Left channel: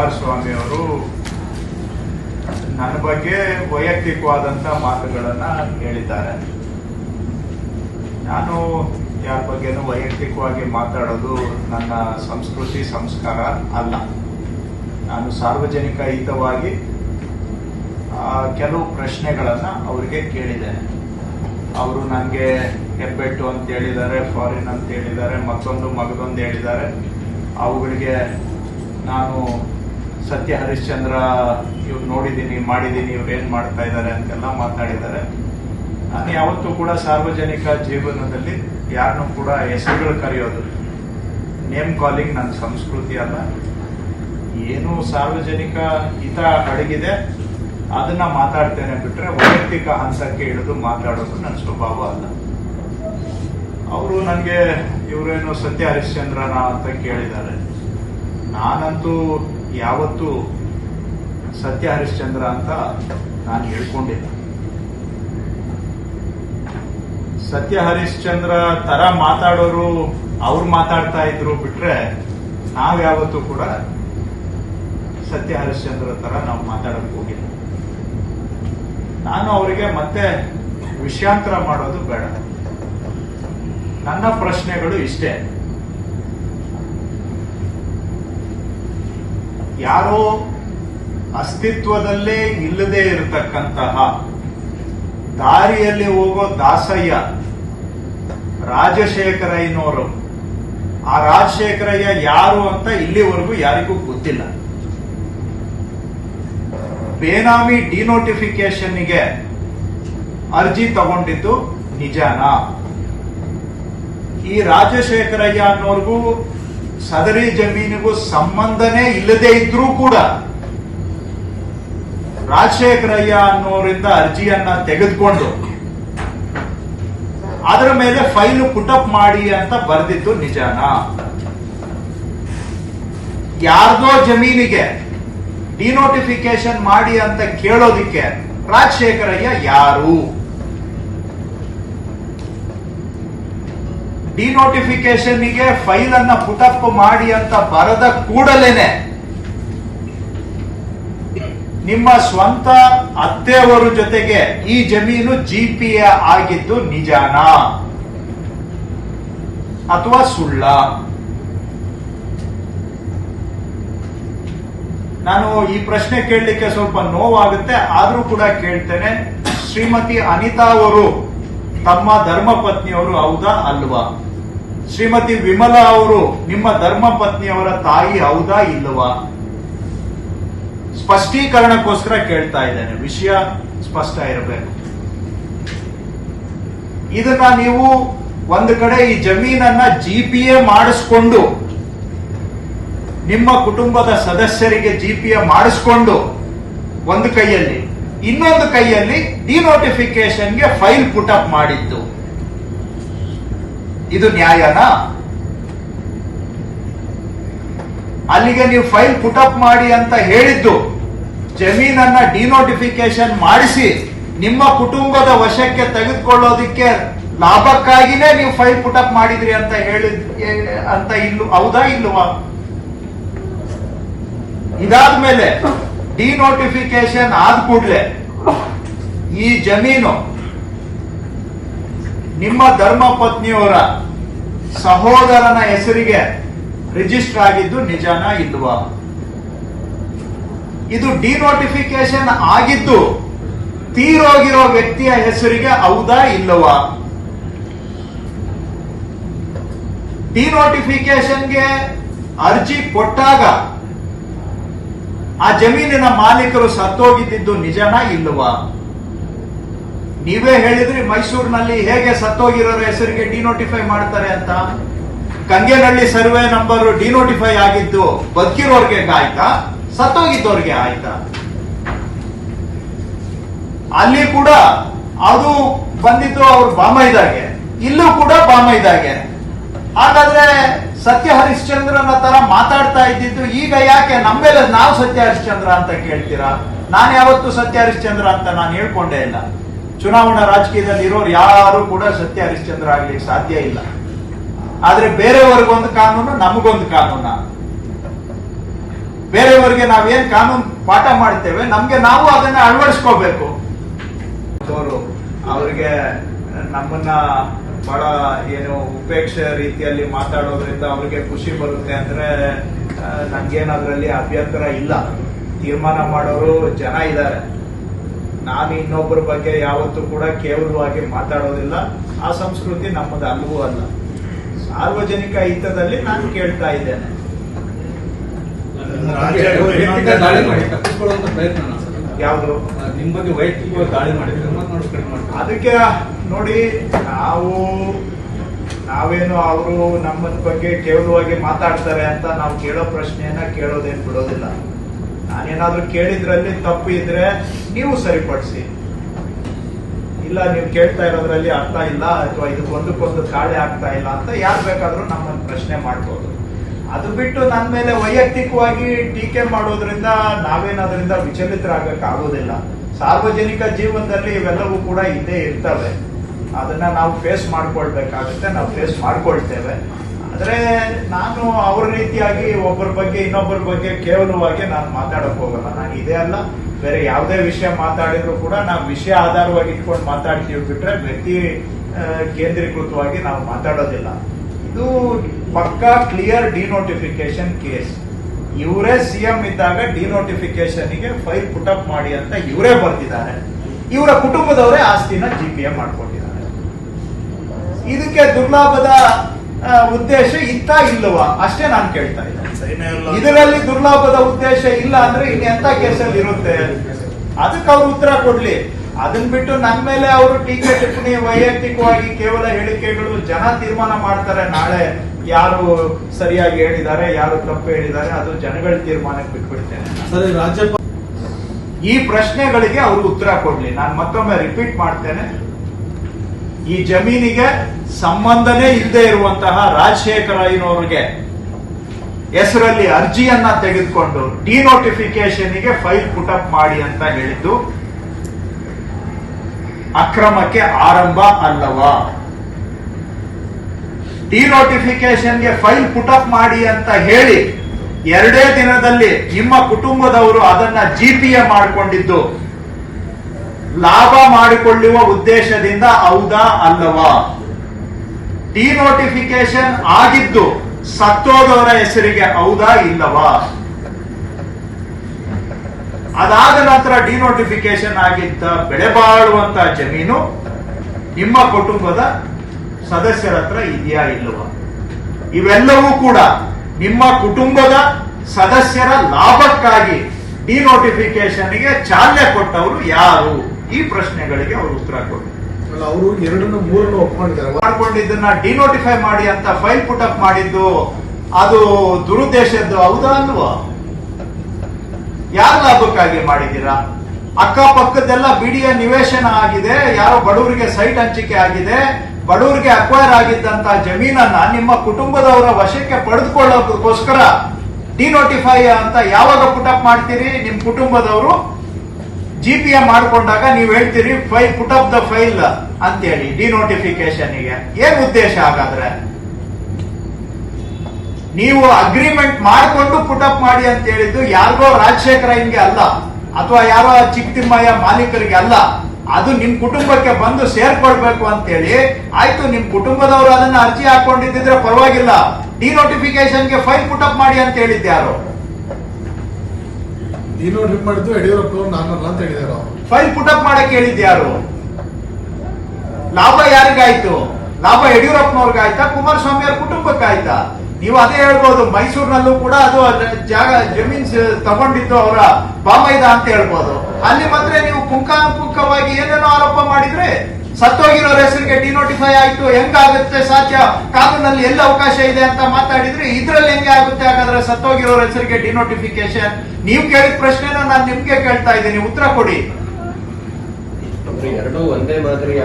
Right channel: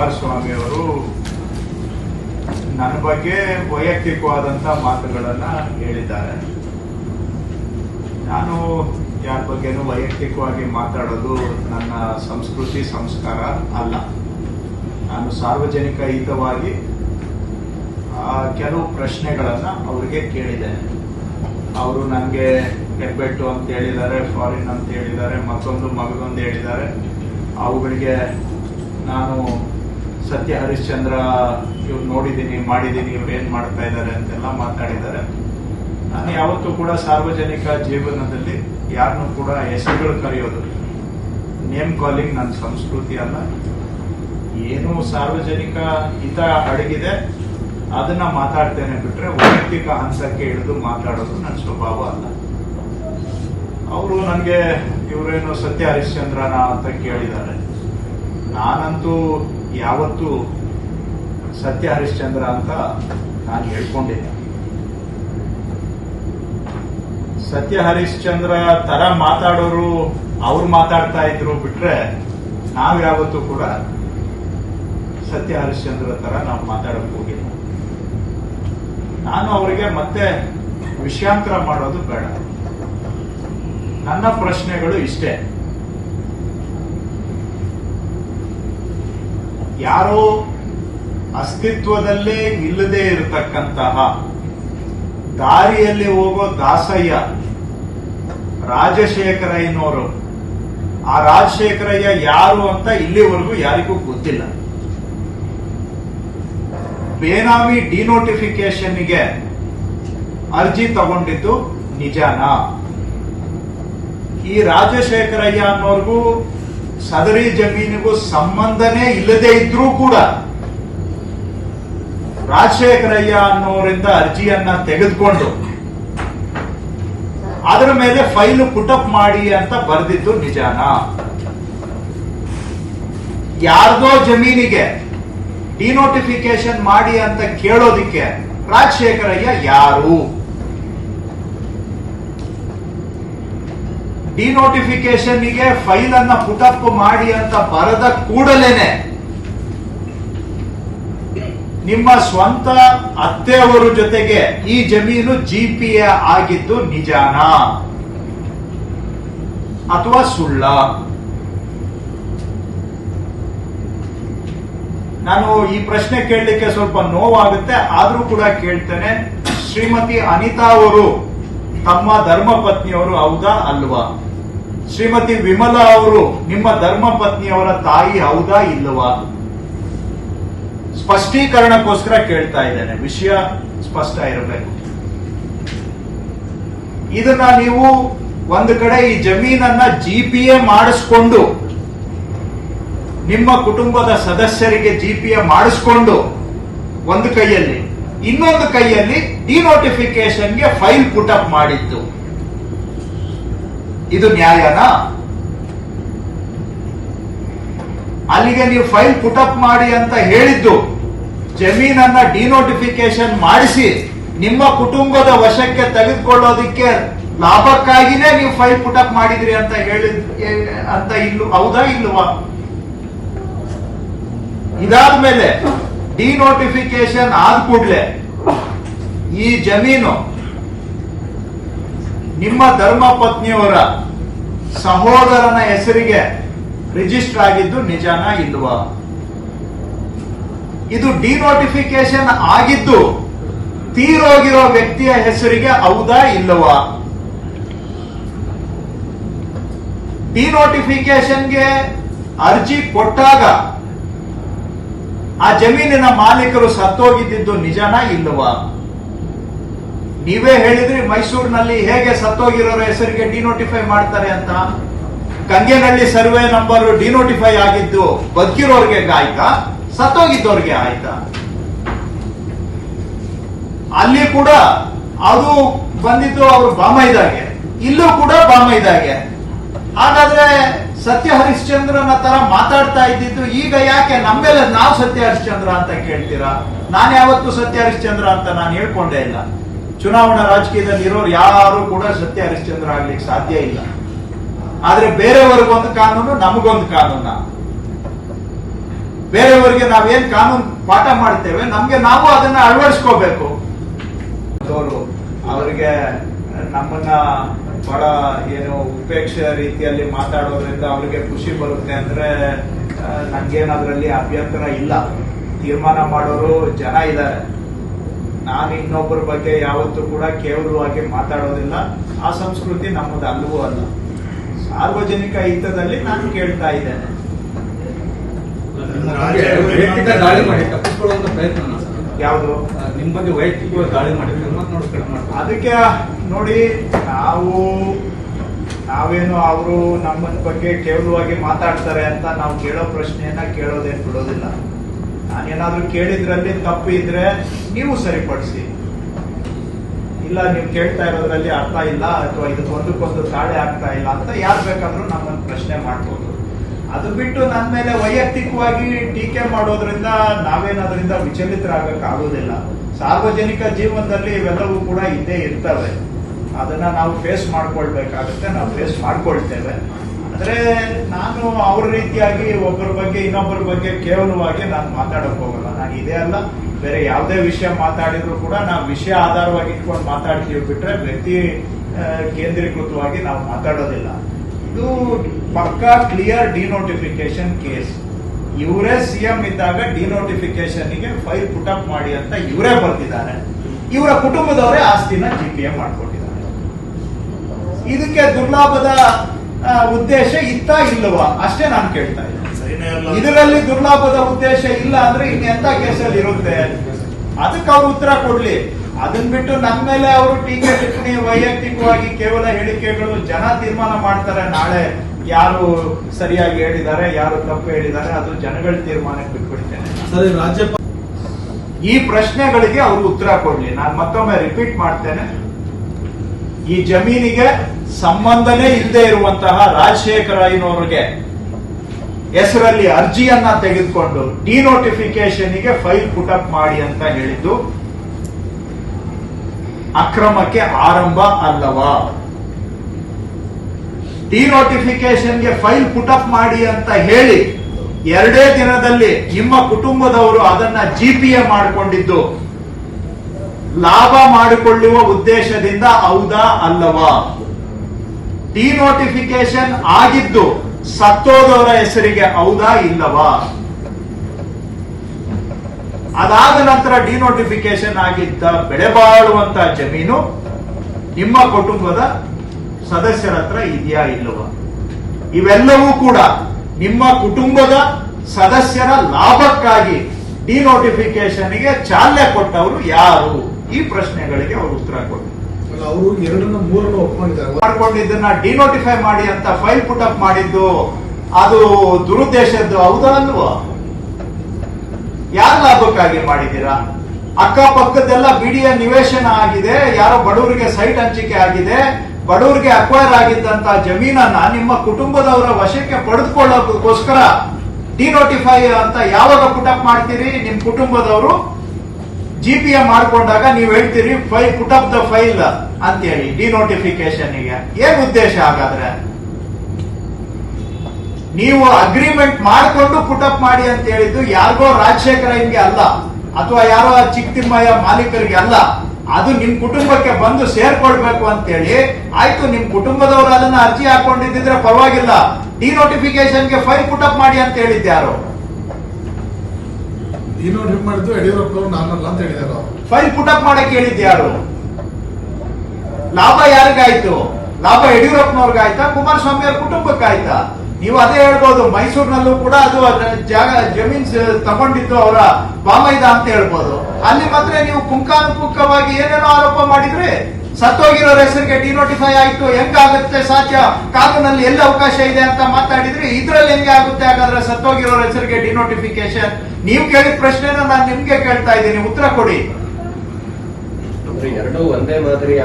ಕುಮಾರಸ್ವಾಮಿ ಅವರು ನನ್ನ ಬಗ್ಗೆ ವೈಯಕ್ತಿಕವಾದಂತ ಮಾತುಗಳನ್ನ ಹೇಳಿದ್ದಾರೆ. ನಾನು ಯಾರ ಬಗ್ಗೆನೂ ವೈಯಕ್ತಿಕವಾಗಿ ಮಾತಾಡೋದು ನನ್ನ ಸಂಸ್ಕೃತಿ ಸಂಸ್ಕಾರ ಅಲ್ಲ. ನಾನು ಸಾರ್ವಜನಿಕ ಹಿತವಾಗಿ ಕೆಲವು ಪ್ರಶ್ನೆಗಳನ್ನು ಅವರಿಗೆ ಕೇಳಿದ್ದೇನೆ. ಅವರು ನನಗೆ ಹೆಬ್ಬೆಟ್ಟು ಅಂತ ಹೇಳಿದ್ದಾರೆ, ಫಾರಿನ್ ಅಂತ ಹೇಳಿದ್ದಾರೆ, ಮತ್ತೊಂದು ಮಗದೊಂದು ಹೇಳಿದ್ದಾರೆ. ಅವುಗಳಿಗೆ ನಾನು ಸತ್ಯ ಹರಿಶ್ಚಂದ್ರ ಇವ್ರು ನೋಡಿದ್ದೀನಿ ಮಾಡಿದ್ದೀನಿ ಇವ್ರು ಏನು ಮಾಡ್ತಾ ಇದ್ದಾರೆ ಅಂತೆಲ್ಲ ಮಾತಾಡಿದ್ದಾರೆ. ನಾನು ಯಾವತ್ತೂ ಕೂಡ ಸಾರ್ವಜನಿಕ ಜೀವನದಲ್ಲಿ ಯಾರನ್ನೂ ಕೂಡ ಹೆಸರುಗಳು ಕರೆಯೋದು ನೇಮ್ ಕಾಲಿಂಗ್ ನನ್ನ ಸಂಸ್ಕೃತಿ ಅಲ್ಲ. ಏನು ಸಾರ್ವಜನಿಕ ಹಿತ ಅಡಗಿದೆ. ಅದನ್ನ ಮಾತಾಡ್ತೇನೆ ಬಿಟ್ರೆ ವೈಯಕ್ತಿಕ ಹಂಸಕ್ಕೆ ಇಳಿದು ಮಾತಾಡೋದು ನನ್ನ ಸ್ವಭಾವ ಅಲ್ಲ. ಅವರು ನನಗೆ ಇವರೇನು ಸತ್ಯ ಹರಿಶ್ಚಂದ್ರನ ಅಂತ ಕೇಳಿದ್ದಾರೆ. ನಾನಂತೂ ಯಾವತ್ತೂ ಸತ್ಯ ಹರಿಶ್ಚಂದ್ರ ಅಂತ ನಾನು ಹೇಳ್ಕೊಂಡೆ. ಸತ್ಯ ಹರಿಶ್ಚಂದ್ರ ತರ ಮಾತಾಡೋರು ಅವ್ರು ಮಾತಾಡ್ತಾ ಇದ್ರು ಬಿಟ್ರೆ ನಾವ್ ಯಾವತ್ತು ಕೂಡ ಸತ್ಯ ಹರಿಶ್ಚಂದ್ರ ತರ ನಾವು ಮಾತಾಡಕ್ ಹೋಗಿಲ್ಲ. ನಾನು ಅವರಿಗೆ ಮತ್ತೆ ವಿಷಯಾಂತರ ಮಾಡೋದು ಬೇಡ. ನನ್ನ ಪ್ರಶ್ನೆಗಳು ಇಷ್ಟೇ. ಯಾರೋ ಅಸ್ತಿತ್ವದಲ್ಲೇ ಇಲ್ಲದೆ ಇರತಕ್ಕಂತಹ ದಾರಿಯಲ್ಲಿ ಹೋಗೋ ದಾಸಯ್ಯ ರಾಜಶೇಖರಯ್ಯನವರು ಆ ರಾಜಶೇಖರಯ್ಯ ಯಾರು ಅಂತ ಇಲ್ಲಿವರೆಗೂ ಯಾರಿಗೂ ಗೊತ್ತಿಲ್ಲ. ಬೇನಾಮಿ ಡಿನೋಟಿಫಿಕೇಶನ್ಗೆ ಅರ್ಜಿ ತಗೊಂಡಿದ್ದು ನಿಜಾನ? ಈ ರಾಜಶೇಖರಯ್ಯ ಅನ್ನೋರ್ಗೂ ಸದರಿ ಜಮೀನಿಗೂ ಸಂಬಂಧನೇ ಇಲ್ಲದೆ ಇದ್ರೂ ಕೂಡ ರಾಜಶೇಖರಯ್ಯ ಅನ್ನೋರಿಂದ ಅರ್ಜಿಯನ್ನ ತೆಗೆದುಕೊಂಡು ಅದರ ಮೇಲೆ ಫೈಲ್ ಪುಟಪ್ ಮಾಡಿ ಅಂತ ಬರೆದಿದ್ದು ನಿಜಾನ. ಯಾರ್ದೋ ಜಮೀನಿಗೆ ಡಿನೋಟಿಫಿಕೇಶನ್ ಮಾಡಿ ಅಂತ ಕೇಳೋದಿಕ್ಕೆ ರಾಜಶೇಖರಯ್ಯ ಯಾರು? ಡಿನೋಟಿಫಿಕೇಶನ್ಗೆ ಫೈಲ್ ಅನ್ನ ಪುಟಪ್ ಮಾಡಿ ಅಂತ ಬರದ ಕೂಡಲೇನೆ ನಿಮ್ಮ ಸ್ವಂತ ಅತ್ತೆಯವರ ಜೊತೆಗೆ ಈ ಜಮೀನು ಜಿಪಿಎ ಆಗಿದ್ದು ನಿಜಾನ ಅಥವಾ ಸುಳ್ಳ? ನಾನು ಈ ಪ್ರಶ್ನೆ ಕೇಳಲಿಕ್ಕೆ ಸ್ವಲ್ಪ ನೋವಾಗುತ್ತೆ, ಆದರೂ ಕೂಡ ಕೇಳ್ತೇನೆ. ಶ್ರೀಮತಿ ಅನಿತಾ ಅವರು ತಮ್ಮ ಧರ್ಮ ಪತ್ನಿಯವರು ಹೌದಾ ಅಲ್ವಾ? ಶ್ರೀಮತಿ ವಿಮಲಾ ಅವರು, ನಿಮ್ಮ ಧರ್ಮ ಪತ್ನಿಯವರ ತಾಯಿ ಹೌದಾ ಇಲ್ಲವಾ? ಸ್ಪಷ್ಟೀಕರಣಕ್ಕೋಸ್ಕರ ಕೇಳ್ತಾ ಇದ್ದೇನೆ. ವಿಷಯ ಸ್ಪಷ್ಟ ಇರಬೇಕು. ಇದನ್ನ ನೀವು ಒಂದು ಕಡೆ ಈ ಜಮೀನನ್ನ ಜಿ ಪಿ ಎ ಮಾಡಿಸ್ಕೊಂಡು, ನಿಮ್ಮ ಕುಟುಂಬದ ಸದಸ್ಯರಿಗೆ ಜಿ ಪಿ ಮಾಡಿಸ್ಕೊಂಡು, ಒಂದು ಕೈಯಲ್ಲಿ ಇನ್ನೊಂದು ಕೈಯಲ್ಲಿ ಡಿನೋಟಿಫಿಕೇಶನ್ಗೆ ಫೈಲ್ ಪುಟಪ್ ಮಾಡಿದ್ದು. ಇದು ನ್ಯಾಯನಾ? ಅಲ್ಲಿಗೆ ನೀವು ಫೈಲ್ ಪುಟಪ್ ಮಾಡಿ ಅಂತ ಹೇಳಿದ್ದು, ಜಮೀನನ್ನ ಡಿನೋಟಿಫಿಕೇಶನ್ ಮಾಡಿಸಿ, ನಿಮ್ಮ ಕುಟುಂಬದ ವಶಕ್ಕೆ ತೆಗೆದುಕೊಳ್ಳೋದಿಕ್ಕೆ ಲಾಭಕ್ಕಾಗಿನೇ ನೀವು ಫೈಲ್ ಪುಟಪ್ ಮಾಡಿದ್ರಿ ಅಂತ ಹೇಳಿದ್, ಅಂತ ಇಲ್ಲು, ಹೌದಾ ಇಲ್ವಾ? ಇದಾದ್ಮೇಲೆ ಡಿನೋಟಿಫಿಕೇಶನ್ ಆದ ಕೂಡಲೇ ಈ ಜಮೀನು ನಿಮ್ಮ ಧರ್ಮ ಪತ್ನಿಯವರ ಸಹೋದರನ ಹೆಸರಿಗೆ ರಿಜಿಸ್ಟರ್ ಆಗಿದ್ದು ನಿಜಾನ ಇಲ್ವಾ? ಇದು ಡಿನೋಟಿಫಿಕೇಶನ್ ಆಗಿದ್ದು ತೀರೋಗಿರೋ ವ್ಯಕ್ತಿಯ ಹೆಸರಿಗೆ ಹೌದಾ ಇಲ್ಲವಾ? ಡಿನೋಟಿಫಿಕೇಶನ್ಗೆ ಅರ್ಜಿ ಕೊಟ್ಟಾಗ ಆ ಜಮೀನಿನ ಮಾಲೀಕರು ಸತ್ತೋಗಿದ್ದು ನಿಜನ ಇಲ್ಲವಾ? ನೀವೇ ಹೇಳಿದ್ರಿ ಮೈಸೂರಿನಲ್ಲಿ ಹೇಗೆ ಸತ್ತೋಗಿರೋರ ಹೆಸರಿಗೆ ಡಿನೋಟಿಫೈ ಮಾಡ್ತಾರೆ ಅಂತ. ಕಂಗೇನಹಳ್ಳಿ ಸರ್ವೆ ನಂಬರ್ ಡಿನೋಟಿಫೈ ಆಗಿದ್ದು ಬದುಕಿರೋರ್ಗೆ ಆಯ್ತಾ? ಸತ್ತೋಗಿದ್ದವ್ರಿಗೆ ಆಯ್ತಾ? ಅಲ್ಲಿ ಕೂಡ ಅದು ಬಂದಿದ್ದು ಅವ್ರ ಬಾಮೈದಾಗೆ, ಇಲ್ಲೂ ಕೂಡ ಬಾಮೈದಾಗೆ. ಹಾಗಾದ್ರೆ ಸತ್ಯ ಹರಿಶ್ಚಂದ್ರನ ತರ ಮಾತಾಡ್ತಾ ಇದ್ದಿದ್ದು ಈಗ ಯಾಕೆ ನಮ್ಮೆಲ್ಲ ನಾವು ಸತ್ಯ ಹರಿಶ್ಚಂದ್ರ ಅಂತ ಕೇಳ್ತೀರಾ? ನಾನು ಯಾವತ್ತು ಸತ್ಯ ಹರಿಶ್ಚಂದ್ರ ಅಂತ ನಾನು ಹೇಳ್ಕೊಂಡೆ ಇಲ್ಲ. ಚುನಾವಣಾ ರಾಜಕೀಯದಲ್ಲಿ ಇರೋರು ಯಾರು ಕೂಡ ಸತ್ಯ ಹರಿಶ್ಚಂದ್ರ ಆಗ್ಲಿಕ್ಕೆ ಸಾಧ್ಯ ಇಲ್ಲ. ಆದ್ರೆ ಬೇರೆಯವ್ರಿಗೊಂದು ಕಾನೂನು, ನಮಗೊಂದು ಕಾನೂನ. ಬೇರೆಯವರಿಗೆ ನಾವೇನ್ ಕಾನೂನು ಪಾಠ ಮಾಡ್ತೇವೆ, ನಮ್ಗೆ ನಾವು ಅದನ್ನ ಅಳವಡಿಸ್ಕೋಬೇಕು. ಅವರು ಅವರಿಗೆ ನಮ್ಮನ್ನ ಬಹಳ ಏನು ಉಪೇಕ್ಷೆ ರೀತಿಯಲ್ಲಿ ಮಾತಾಡೋದ್ರಿಂದ ಅವ್ರಿಗೆ ಖುಷಿ ಬರುತ್ತೆ ಅಂದ್ರೆ ನಂಗೇನದ್ರಲ್ಲಿ ಅಭ್ಯಂತರ ಇಲ್ಲ. ತೀರ್ಮಾನ ಮಾಡೋರು ಜನ ಇದ್ದಾರೆ. ನಾನು ಇನ್ನೊಬ್ಬರ ಬಗ್ಗೆ ಯಾವತ್ತೂ ಕೂಡ ಕೇವಲವಾಗಿ ಮಾತಾಡೋದಿಲ್ಲ. ಆ ಸಂಸ್ಕೃತಿ ನಮ್ಮದು ಅಲ್ಲವೂ ಅಲ್ಲ. ಸಾರ್ವಜನಿಕ ಹಿತದಲ್ಲಿ ನಾನು ಕೇಳ್ತಾ ಇದ್ದೇನೆ. ಯಾವ್ದು ದಾಳಿ ಮಾಡಿ ತಪ್ಪಿಸ್ಕೊಳ್ಳುವಂತ ಪ್ರಯತ್ನ ಸರ್ ಯಾವುದು? ನಿಮ್ ಬಗ್ಗೆ ವೈಯಕ್ತಿಕ ದಾಳಿ ಮಾಡಿದ್ರೆ ಅದಕ್ಕೆ ನೋಡಿ, ನಾವು, ನಾವೇನು ಅವರು ನಮ್ಮ ಬಗ್ಗೆ ಕೇವಲವಾಗಿ ಮಾತಾಡ್ತಾರೆ ಅಂತ ನಾವು ಕೇಳೋ ಪ್ರಶ್ನೆಯನ್ನ ಕೇಳೋದೇನ್ ಬಿಡೋದಿಲ್ಲ. ನಾನೇನಾದ್ರೂ ಕೇಳಿದ್ರಲ್ಲಿ ತಪ್ಪು ಇದ್ರೆ ನೀವು ಸರಿಪಡಿಸಿ. ಇಲ್ಲ, ನೀವು ಕೇಳ್ತಾ ಇರೋದ್ರಲ್ಲಿ ಅರ್ಥ ಇಲ್ಲ, ಅಥವಾ ಇದು ಒಂದಕ್ಕೊಂದು ತಾಳೆ ಆಗ್ತಾ ಇಲ್ಲ ಅಂತ ಯಾರು ಬೇಕಾದ್ರೂ ನಮ್ಮನ್ನು ಪ್ರಶ್ನೆ ಮಾಡ್ಬೋದು. ಅದು ಬಿಟ್ಟು ನನ್ನ ಮೇಲೆ ವೈಯಕ್ತಿಕವಾಗಿ ಟೀಕೆ ಮಾಡೋದ್ರಿಂದ ನಾವೇನದ್ರಿಂದ ವಿಚಲಿತರಾಗಕ್ಕಾಗೋದಿಲ್ಲ. ಸಾರ್ವಜನಿಕ ಜೀವನದಲ್ಲಿ ಇವೆಲ್ಲವೂ ಕೂಡ ಇದ್ದೇ ಇರ್ತವೆ. ಅದನ್ನ ನಾವು ಫೇಸ್ ಮಾಡ್ಕೊಳ್ಬೇಕಾಗುತ್ತೆ, ನಾವು ಫೇಸ್ ಮಾಡ್ಕೊಳ್ತೇವೆ. ಆದ್ರೆ ನಾನು ಅವ್ರ ರೀತಿಯಾಗಿ ಒಬ್ಬರ ಬಗ್ಗೆ ಇನ್ನೊಬ್ಬರ ಬಗ್ಗೆ ಕೇವಲವಾಗಿ ನಾನು ಮಾತಾಡಕ್ ಹೋಗಲ್ಲ. ನಾನು ಇದೇ ಅಲ್ಲ, ಬೇರೆ ಯಾವುದೇ ವಿಷಯ ಮಾತಾಡಿದ್ರು ಕೂಡ ನಾವು ವಿಷಯ ಆಧಾರವಾಗಿ ಇಟ್ಕೊಂಡು ಮಾತಾಡ್ತೀವಿ ಬಿಟ್ರೆ ವ್ಯಕ್ತಿ ಕೇಂದ್ರೀಕೃತವಾಗಿ ನಾವು ಮಾತಾಡೋದಿಲ್ಲ. ಇದು ಪಕ್ಕಾ ಕ್ಲಿಯರ್ ಡಿನೋಟಿಫಿಕೇಶನ್ ಕೇಸ್ ಇವರೇ ಸಿಎಂ ಇದ್ದಾಗ ಡಿನೋಟಿಫಿಕೇಶನ್ಗೆ ಫೈಲ್ ಪುಟಪ್ ಮಾಡಿ ಅಂತ ಇವರೇ ಬರ್ತಿದ್ದಾರೆ ಇವರ ಕುಟುಂಬದವರೇ ಆಸ್ತಿನ ಜಿ ಪಿ ಎ ಮಾಡ್ಕೊಂಡಿದ್ದಾರೆ ಇದಕ್ಕೆ ದುರ್ಲಾಭದ ಉದ್ದೇಶ ಇತ್ತ ಇಲ್ಲವಾ? ಅಷ್ಟೇ ನಾನು ಕೇಳ್ತಾ ಇದ್ದೇನೆ ಇದರಲ್ಲಿ ದುರ್ಲಾಭದ ಉದ್ದೇಶ ಇಲ್ಲ ಅಂದ್ರೆ ಇನ್ನೆಂತ ಕೇಸಲ್ಲಿ ಇರುತ್ತೆ? ಅದಕ್ಕೆ ಅವ್ರು ಉತ್ತರ ಕೊಡ್ಲಿ. ಅದನ್ ಬಿಟ್ಟು ನನ್ನ ಮೇಲೆ ಅವರು ಟೀಕೆ ಟಿಪ್ಪಣಿ ವೈಯಕ್ತಿಕವಾಗಿ ಕೇವಲ ಹೇಳಿಕೆಗಳು ಜನ ತೀರ್ಮಾನ ಮಾಡ್ತಾರೆ. ನಾಳೆ ಯಾರು ಸರಿಯಾಗಿ ಹೇಳಿದ್ದಾರೆ ಯಾರು ತಪ್ಪು ಹೇಳಿದ್ದಾರೆ ಅದು ಜನಗಳ ತೀರ್ಮಾನಕ್ಕೆ ಬಿಟ್ಬಿಡ್ತೇನೆ. ಸರ್ ರಾಜ್ಯಪಾಲ ಈ ಪ್ರಶ್ನೆಗಳಿಗೆ ಅವರು ಉತ್ತರ ಕೊಡ್ಲಿ. ನಾನು ಮತ್ತೊಮ್ಮೆ ರಿಪೀಟ್ ಮಾಡ್ತೇನೆ. ಈ ಜಮೀನಿಗೆ ಸಂಬಂಧನೇ ಇಲ್ಲದೆ ಇರುವಂತಹ ರಾಜಶೇಖರ ಅಯ್ಯನವರಿಗೆ ಹೆಸರಲ್ಲಿ ಅರ್ಜಿಯನ್ನ ತೆಗೆದುಕೊಂಡು ಡಿನೋಟಿಫಿಕೇಶನ್ಗೆ ಫೈಲ್ ಪುಟಪ್ ಮಾಡಿ ಅಂತ ಹೇಳಿದ್ದು, ಅಕ್ರಮಕ್ಕೆ ಆರಂಭ ಅಲ್ಲವಾ? ಡಿನೋಟಿಫಿಕೇಶನ್ಗೆ ಫೈಲ್ ಪುಟಪ್ ಮಾಡಿ ಅಂತ ಹೇಳಿ ಎರಡೇ ದಿನದಲ್ಲಿ ನಿಮ್ಮ ಕುಟುಂಬದವರು ಅದನ್ನ ಜಿಪಿಎ ಮಾಡಿಕೊಂಡಿದ್ದು ಲಾಭ ಮಾಡಿಕೊಳ್ಳುವ ಉದ್ದೇಶದಿಂದ ಹೌದಾ ಅಲ್ಲವಾ? ಡಿನೋಟಿಫಿಕೇಶನ್ ಆಗಿದ್ದು ಸತ್ತೋದವರ ಹೆಸರಿಗೆ ಹೌದಾ ಇಲ್ಲವಾ? ಅದಾದ ನಂತರ ಡಿನೋಟಿಫಿಕೇಶನ್ ಆಗಿದ್ದ ಬೆಳೆ ಬಾಳುವಂತ ಜಮೀನು ನಿಮ್ಮ ಕುಟುಂಬದ ಸದಸ್ಯರ ಹತ್ರ ಇದೆಯಾ ಇಲ್ಲವಾ? ಇವೆಲ್ಲವೂ ಕೂಡ ನಿಮ್ಮ ಕುಟುಂಬದ ಸದಸ್ಯರ ಲಾಭಕ್ಕಾಗಿ ಡಿನೋಟಿಫಿಕೇಶನ್ಗೆ ಚಾಲನೆ ಕೊಟ್ಟವರು ಯಾರು? ಈ ಪ್ರಶ್ನೆಗಳಿಗೆ ಅವರು ಉತ್ತರ ಕೊಡಿ ಅವರು ಎರಡನ್ನು ಮೂರನ್ನು ಒಪ್ಕೊಂಡಿದ್ದಾರೆ. ಮಾಡ್ಕೊಂಡಿದ್ದನ್ನ ಡಿನೋಟಿಫೈ ಮಾಡಿ ಅಂತ ಫೈಲ್ ಪುಟ್ ಅಪ್ ಮಾಡಿದ್ದು ಅದು ದುರುದ್ದೇಶದ್ದು ಹೌದಾ ಅಲ್ವಾ? ಯಾರ ಲಾಭಕ್ಕಾಗಿ ಮಾಡಿದ್ದೀರಾ? ಅಕ್ಕಪಕ್ಕದೆಲ್ಲ ಬಿಡಿಯ ನಿವೇಶನ ಆಗಿದೆ ಯಾರೋ ಬಡವರಿಗೆ ಸೈಟ್ ಹಂಚಿಕೆ ಆಗಿದೆ ಬಡವರಿಗೆ ಅಕ್ವೈರ್ ಆಗಿದ್ದಂತ ಜಮೀನನ್ನ ನಿಮ್ಮ ಕುಟುಂಬದವರ ವಶಕ್ಕೆ ಪಡೆದುಕೊಳ್ಳೋದಕ್ಕೋಸ್ಕರ ಡಿನೋಟಿಫೈ ಅಂತ ಯಾವಾಗ ಪುಟಪ್ ಮಾಡ್ತೀರಿ? ನಿಮ್ ಕುಟುಂಬದವರು ಜಿ ಪಿ ಎ ಮಾಡ್ಕೊಂಡಾಗ ನೀವು ಹೇಳ್ತೀರಿ file put up the file ಅಂತೇಳಿ ಡಿನೋಟಿಫಿಕೇಶನ್ಗೆ ಏನ್ ಉದ್ದೇಶ ಹಾಗಾದ್ರೆ? ನೀವು ಅಗ್ರಿಮೆಂಟ್ ಮಾಡಿಕೊಂಡು ಅಪ್ ಮಾಡಿ ಅಂತ ಹೇಳಿದ್ದು ಯಾರಿಗೋ ರಾಜಶೇಖರ ಹಿಂಗೆ ಅಲ್ಲ, ಅಥವಾ ಯಾರೋ ಚಿಕ್ಕ ತಿಮ್ಮಯ್ಯ ಮಾಲೀಕರಿಗೆ ಅಲ್ಲ. ಅದು ನಿಮ್ ಕುಟುಂಬಕ್ಕೆ ಬಂದು ಸೇರ್ಕೊಳ್ಬೇಕು ಅಂತೇಳಿ, ಆಯ್ತು, ನಿಮ್ ಕುಟುಂಬದವರು ಅದನ್ನ ಅರ್ಜಿ ಹಾಕೊಂಡಿದ್ರೆ ಪರವಾಗಿಲ್ಲ. ಡಿನೋಟಿಫಿಕೇಶನ್ಗೆ ಫೈಲ್ ಪುಟ್ ಅಪ್ ಮಾಡಿ ಅಂತ ಹೇಳಿದ್ಯಾರು ಈ ನೋಡಿ ಮಾಡಿದ್ದು ಯಡಿಯೂರಪ್ಪ ನಾನಲ್ಲ ಅಂತ ಹೇಳಿದಾರ ಫೈಲ್ ಪುಟಪ್ ಮಾಡಕ್ ಹೇಳಿದ್ಯಾರು ಲಾಭ ಯಾರಿಗಾಯ್ತು? ಲಾಭ ಯಡಿಯೂರಪ್ಪನವ್ರಿಗಾಯ್ತಾ? ಕುಮಾರಸ್ವಾಮಿ ಅವ್ರ ಕುಟುಂಬಕ್ಕಾಯ್ತಾ? ನೀವು ಅದೇ ಹೇಳ್ಬೋದು, ಮೈಸೂರಿನಲ್ಲೂ ಕೂಡ ಅದು ಜಾಗ, ಜಮೀನ್ ತಗೊಂಡಿದ್ದು ಅವರ ಬಾಮೈದ ಅಂತ ಹೇಳ್ಬೋದು. ಅಲ್ಲಿ ಮಾತ್ರ ನೀವು ಪುಂಖಾನುಪುಂಖವಾಗಿ ಏನೇನೋ ಆರೋಪ ಮಾಡಿದ್ರೆ ಸತ್ತೋಗಿರೋ ಹೆಸರಿಗೆ ಡಿನೋಟಿಫೈ ಆಯ್ತು, ಹೆಂಗಾಗುತ್ತೆ, ಸಾಧ್ಯ? ಕಾನೂನಲ್ಲಿ ಎಲ್ಲಿ ಅವಕಾಶ ಇದೆ ಅಂತ ಮಾತಾಡಿದ್ರೆ ಇದ್ರಲ್ಲಿ ಹೆಂಗೆ ಆಗುತ್ತೆ? ಹಾಗಾದ್ರೆ ಸತ್ತೋಗಿರೋ ಹೆಸರಿಗೆ ಡಿನೋಟಿಫಿಕೇಶನ್ ನೀವು ಕೇಳಿದ ಪ್ರಶ್ನೆನ ನಾನು ನಿಮ್ಗೆ ಕೇಳ್ತಾ ಇದ್ದೀನಿ. ಉತ್ತರ ಕೊಡಿ. ಎರಡೂ ಒಂದೇ ಮಾದರಿಯ